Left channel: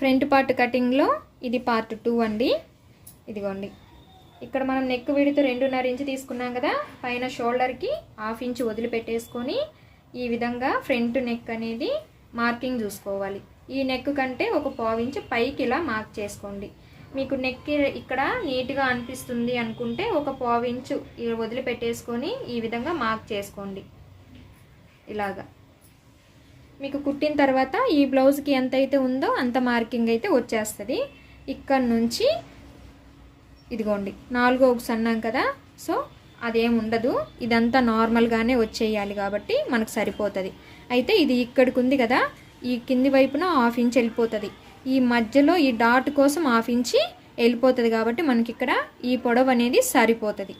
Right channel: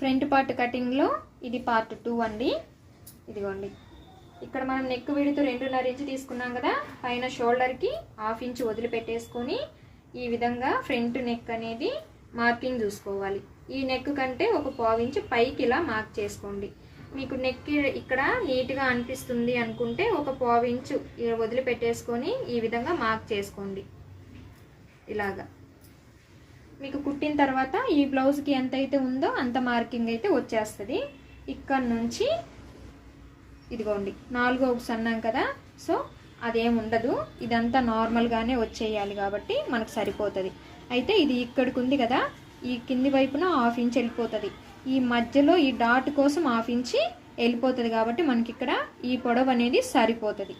Front part కటింగ్లో ఇది part 2 అండి. ఇదిగోండి, ఇక్కడ మనం నెక్ విడ్త్ 2.5 ఇంచ్ తీసుకున్నాం కదా, పైన షోల్డర్కి 1/2 ఇంచ్ వదిలిపెట్టేసుకొని ఈ విధంగా ఫ్రంట్ నెక్ అనేది మార్కింగ్ చూసుకోవాలి. ఈ నెక్ కంటే ఒక 1/4 ఇంచ్ పైకి ఇలా మార్క్ చేసుకోండి. మీకు నెక్ ఇక్కడ నీట్గా అనిపిస్తుంది అనుకుంటే ఒక 1/4 ఇంచ్ వదిలిపెట్టేసుకొని ఈ విధంగా మార్క్ చేసుకోండి. ఇలాగా మీకు కుట్టిన తర్వాత ఈ బ్లౌజ్కి ఎంత అయితే ఉందో అంత మార్కింగ్ అయితే వచ్చేస్తుంది. ఇక్కడ నుంచి ఇదిగోండి 4వ ఉక్స్ అన్నాం కదా, సో అదేం ఉండదు, ఇదంతా నార్మల్గానే వచ్చేయాలి కాబట్టి మనకు సరిపోతుంది. అయితే ఇది ఇక్కడికి ఉంది కదా, ఈ కింది వైపున 1/2 ఇంచ్ వెళ్ళిపోతుంది. ఈ మధ్యలో ఈ డాట్ కోసం 1/2 ఇంచ్ వెళ్ళిపోతుంది కాబట్టి మనకి ఇక్కడ ఈ పొడవు అనేది సరిపోతుంది.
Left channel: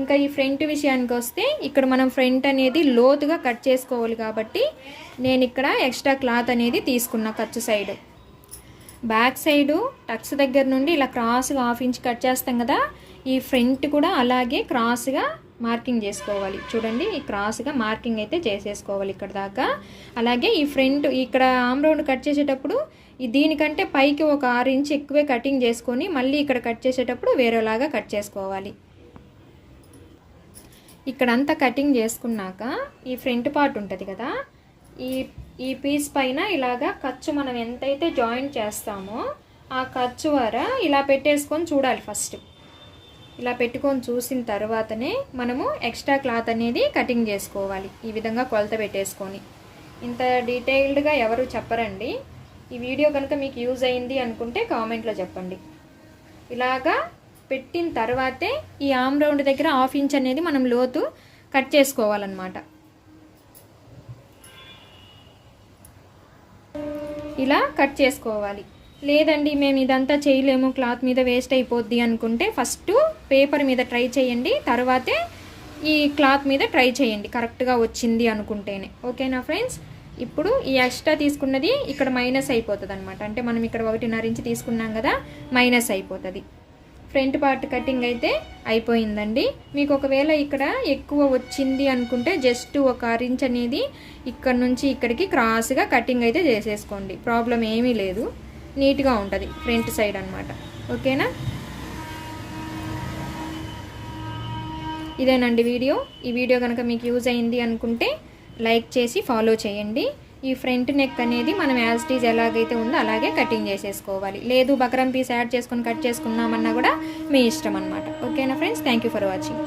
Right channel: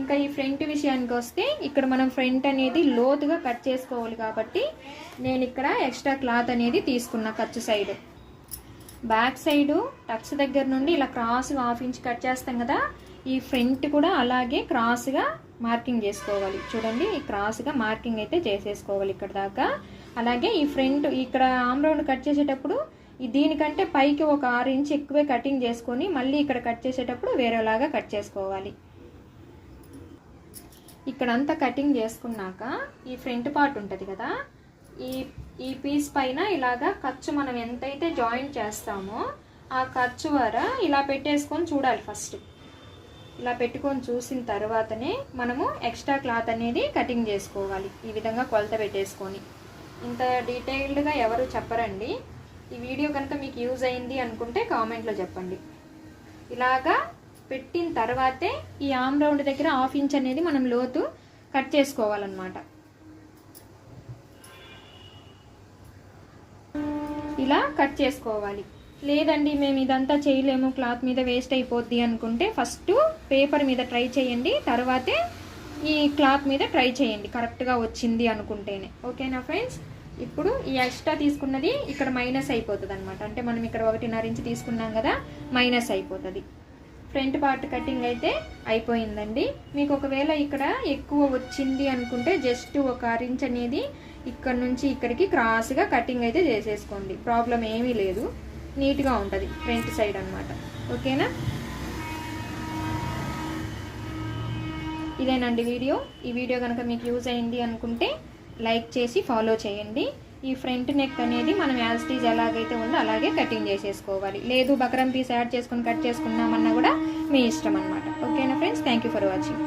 ఇంకా ఈ ఫ్రంట్ విషయానికి వస్తే ఇక్కడ మనం ఫ్రంట్ అనేది లోతుగా కట్ చేసుకోవాలి కాబట్టి నేను ఇక్కడ ఎక్స్ట్రా క్లాత్ అనేది తీసుకున్నా. ఖర్చు సైడ్ బ్యాక్ సైడు టక్స్ దగ్గర నుండి ఇలా క్రాస్గా 1/2 ఇంచ్ కట్ చేస్తాం కదా, ఈ ఫ్రంట్ కూడా అలాగే క్రాస్గా మార్కింగ్ చేసుకోవాలి. చూడండి, ఈ క్రాస్గా మార్కింగ్ అయితే చేసేసుకోవాలి ఇక్కడ దాకా. అలాగే ఈ ఫ్రంట్ ఇక్కడ ఆమ్ రౌండ్ కట్ చేసేటప్పుడు దీనికంటే పైకి ఒక 6 ఇంచ్ ఎక్కువే కటింగ్ చేసుకొని మళ్ళీ ఇక్కడ కట్ చేసేటప్పుడు వేరేలాగా కట్ చేసుకోవాలి. ఇక్కడంతా కటింగ్ చేసుకున్నాక ఈ ఫ్రంట్ పార్ట్ ఉంటుంది కదా, ఈ పీస్ పైన ఇలాగా ఖర్చు మనం ఎంతైతే జాయింట్ చేస్తామో ఆ ఖర్చు వర ఇలా పెట్టేసుకొని చూడాలి. ఫస్ట్ ఇలా పెట్టుకొని చూసిన తర్వాతనే మనము ఎక్స్ట్రా క్లాత్ అనేది కటింగ్ చేసుకోవాలి. ఈ విధంగా కొలత పెట్టేసుకొని. ఇంత డీటెయిల్డ్గా ఎవరు చెప్పరండి. ఈ వీడియో కనుక మీకు యూజ్ అయింది అనుకుంటే కామెంట్లో చెప్పండి. ఇలాగా పెట్టిన తర్వాతే ఈ ఆమ్ రౌండ్ దగ్గర 1/2 ఇంచ్ అనేది మనం లోతు కట్ చేసుకోవాలన్నమాట. ఇలా కట్ చేసుకోవాలి. లేదండి మేము ఇదంతా చేయలేము, క్లాత్ మీద వేస్ట్ అయిపోద్ది అనుకుంటే ఫస్ట్ పేపర్ మీద ట్రై చేయండి, తర్వాతే ఈ క్లాత్ మీద ట్రై చేయండి కరెక్ట్గా వచ్చింది అనుకుంటేనే. ఓకేనా ఫ్రెండ్స్? ఇప్పుడు ఈ ఎక్స్ట్రా తీసుకున్నది ఇక్కడ మైనస్ అయిపోతుంది అనమాట. అంటే మనం ఇక్కడ 1.5 ఇంచ్ తీసుకున్నాం కదా, మైనస్ అయిపోతుంది. ఫ్రంట్ పార్ట్ కటింగ్ అయితే అయిపోయిందండి. మీకు ఒకవేళ ఇక్కడ ఎక్కువ వచ్చింది అనుకుంటే జస్ట్ ఒక 1/2 ఇంచ్ అనేది ఇక్కడ నుంచి ఇక్కడికి క్రాస్గా కటింగ్ అయితే చేసేసుకోండి. ప్రాబ్లం ఏమీ లేదు, నీట్గా ఉంటుంది ఫ్రంట్ సైడ్ అనమాట. ఓకేనా? ఇదేనండి వీడియో. ఈ వీడియో కనుక మీకు యూజ్ అయింది అనుకుంటే లైక్ చేసి ఫాలో చేయండి. ఈ ఫ్రంట్ నెక్ అనేది మనం యాజ్ ఇట్ ఈజ్ ఎలాగైతే ఉందో అలాగే కటింగ్ చేసేసుకోవాలి. లేదు బకరం పీస్ యాడ్ చేసుకుని కట్ చేసుకున్నామన్నా కూడా మీ ఇష్టం అనమాట. ఓకేనా friends? Thank you for watching.